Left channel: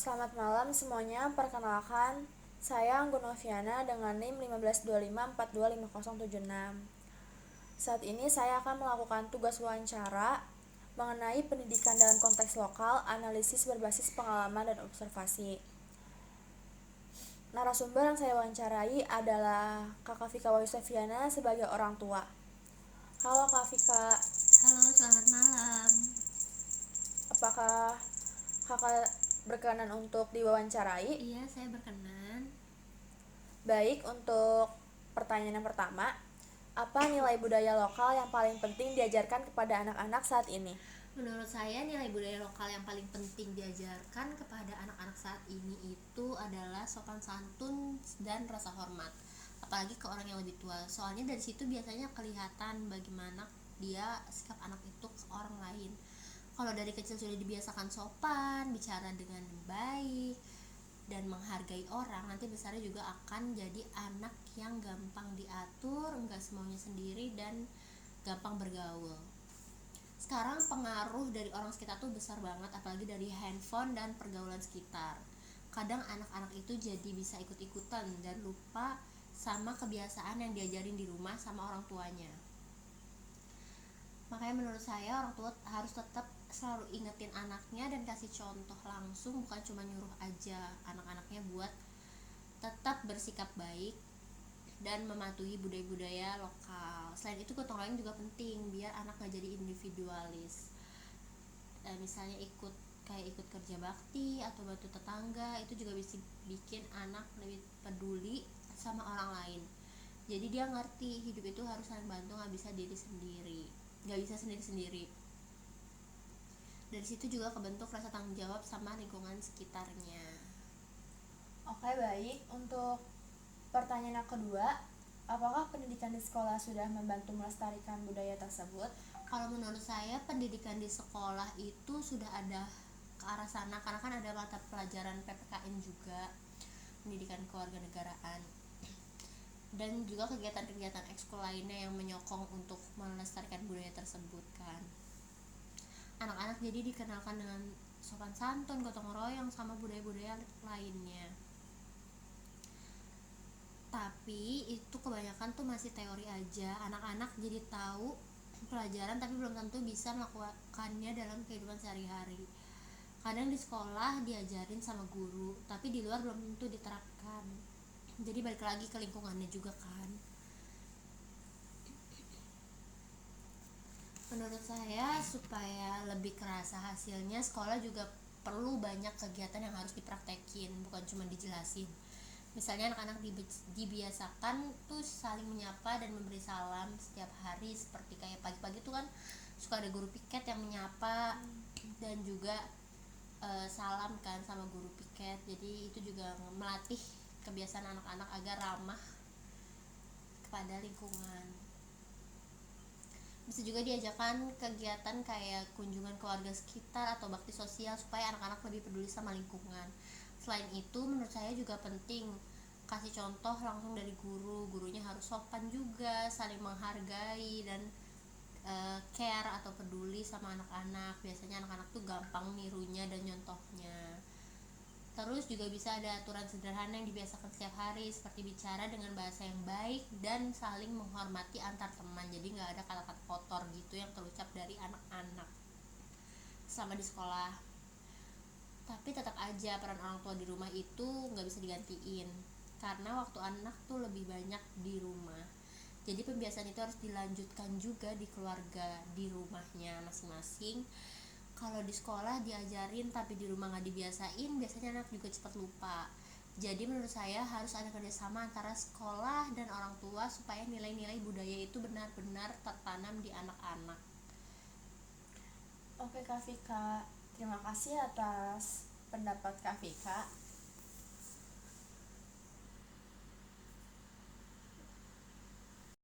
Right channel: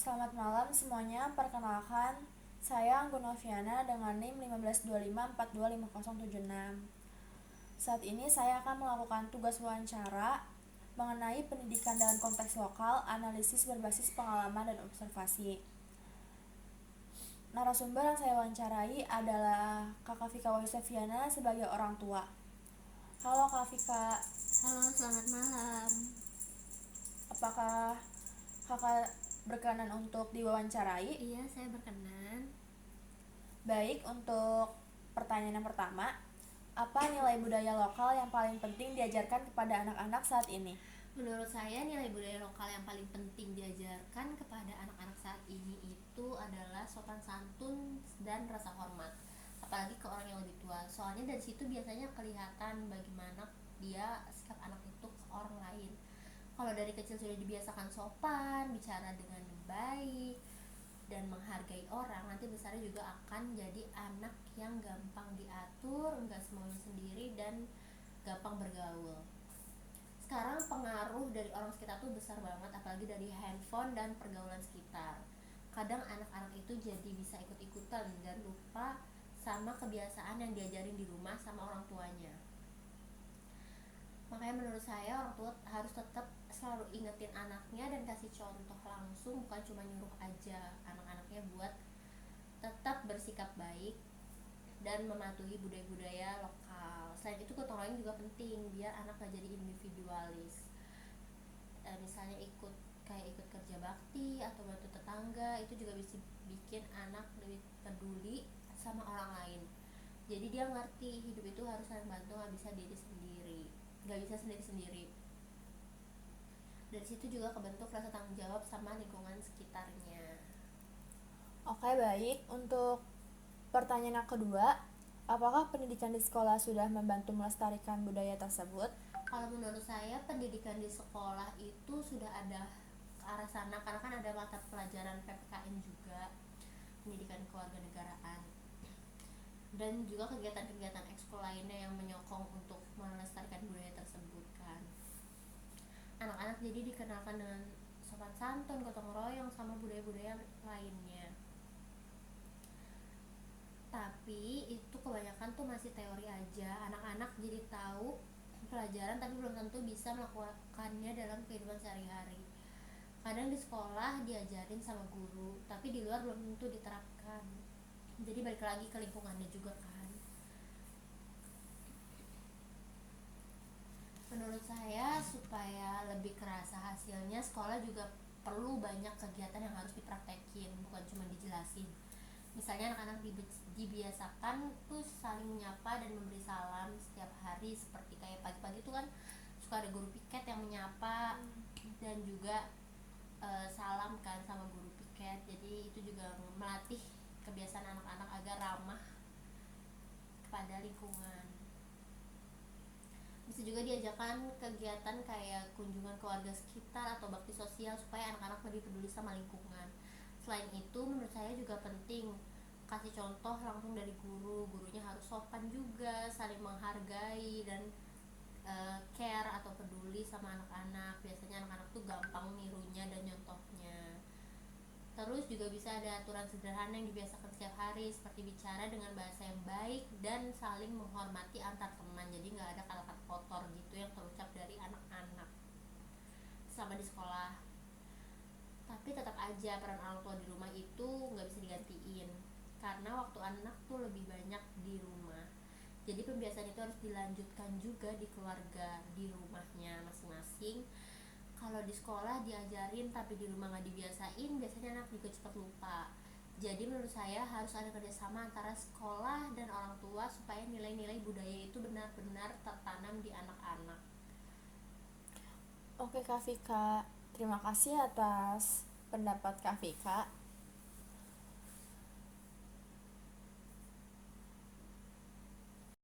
Selamat malam semuanya, perkenalkan saya Anggun Noviana dengan NIM 1525425076. Saat ini saya akan melakukan tugas wawancara mengenai pendidikan dalam konteks lokal, analisis berbasis pengalaman dan observasi. Narasumber yang saya wawancarai adalah Kakak Vika Wayuseviana sebagai orang tua. Halo Kak Vika. Halo, selamat malam. Apakah Kakak berkenan untuk diwawancarai? Iya, saya berkenan. Baik, untuk pertanyaan yang pertama, apa nilai budaya lokal yang paling penting diajarkan kepada anak-anak saat ini? Menurut saya nilai budaya lokal yang paling penting diajarkan kepada anak-anak saat ini itu adalah sopan santun dan rasa hormat, apalagi ke orang yang lebih tua. Soalnya dari situ biasanya kelihatan bagaimana dia sikap anak itu ke orang lain. Kalau dari kecil sudah dibiasakan sopan, bicara dengan baik dan menghargai orang, nanti besarnya juga akan jadi anak yang gampang diatur, enggak semaunya sendiri, dan gampang bergaul. Sekarang pengaruh dari orang sekitar tuh besar banget, apalagi dari handphone dan pergaulan sekitar. Kadang anak-anak itu jadi bisa ikut-ikutan dan lupa sama kebiasaan yang diajarin di rumah sama orang tuanya. Makanya menurut saya orang tua harus tetap selalu ingetin anaknya dan kasih contoh langsung, bukan cuma nyuruh aja anak-anaknya buat tetap bersikap baik dan mematuhi budaya-budaya lokal. Selain itu gotong royong juga penting biar anak gak jadi individualis. Misalnya ikut kerja bakti atau bantu tetangga, itu juga bisa bikin anak lebih peduli sama orang lain. Jadi dia ngerti hidup itu harus saling bantu, nggak bisa sendiri-sendiri. Dari situ juga kebentuk rasa tanggung jawab sama lingkungan sekitarnya. Oke, baik. Untuk pertanyaan yang kedua, apakah pendidikan di sekolah sudah membantu melestarikan budaya tersebut? Kalau menurut saya pendidikan di sekolah itu sudah ada ke arah sana, karena kan ada mata pelajaran PPKN juga, pendidikan kewarganegaraan, dan juga kegiatan-kegiatan ekskul lainnya yang menyokong untuk melestarikan budaya tersebut kan. Anak-anak jadi dikenalkan dengan sopan santun, gotong royong, sama budaya-budaya lainnya. Tapi itu kebanyakan tuh masih teori aja. Anak-anak jadi tahu pelajaran tapi belum tentu bisa melakukannya dalam kehidupan sehari-hari. Kadang di sekolah diajarin sama guru, tapi di luar belum tentu diterapkan. Jadi balik lagi ke lingkungannya juga kan. Menurut saya supaya lebih kerasa hasilnya, sekolah juga perlu banyak kegiatan yang harus dipraktekin, bukan cuma dijelasin. Misalnya anak-anak dibiasakan tuh saling menyapa dan memberi salam setiap hari, seperti kayak pagi-pagi tuh kan suka ada guru piket yang menyapa dan juga salam kan sama guru piket. Jadi itu juga melatih kebiasaan anak-anak agar ramah kepada lingkungan. Bisa juga diajarkan kegiatan kayak kunjungan ke warga sekitar atau bakti sosial supaya anak-anak lebih peduli sama lingkungan. Selain itu menurut saya juga penting kasih contoh langsung dari gurunya harus sopan juga, saling menghargai dan care atau peduli sama anak-anak. Biasanya anak-anak tuh gampang nirunya dan nyontohnya. Terus juga bisa ada aturan sederhana yang dibiasakan setiap hari, seperti bicara dengan bahasa yang baik dan saling menghormati antar teman. Jadi nggak ada kata-kata kotor gitu yang terucap dari anak-anak sama di sekolah. Tapi tetap aja peran orang tua di rumah itu nggak bisa digantiin, karena waktu anak tuh lebih banyak di rumah. Jadi pembiasaan itu harus dilanjutkan juga di keluarga, di rumahnya masing-masing. Kalau di sekolah diajarin tapi di rumah nggak dibiasain, biasanya anak juga cepat lupa. Jadi menurut saya harus ada kerjasama antara sekolah dan orang tua supaya nilai-nilai budaya itu benar-benar tertanam di anak-anak. Oke Kak Vika, terima kasih atas pendapat Kak Vika.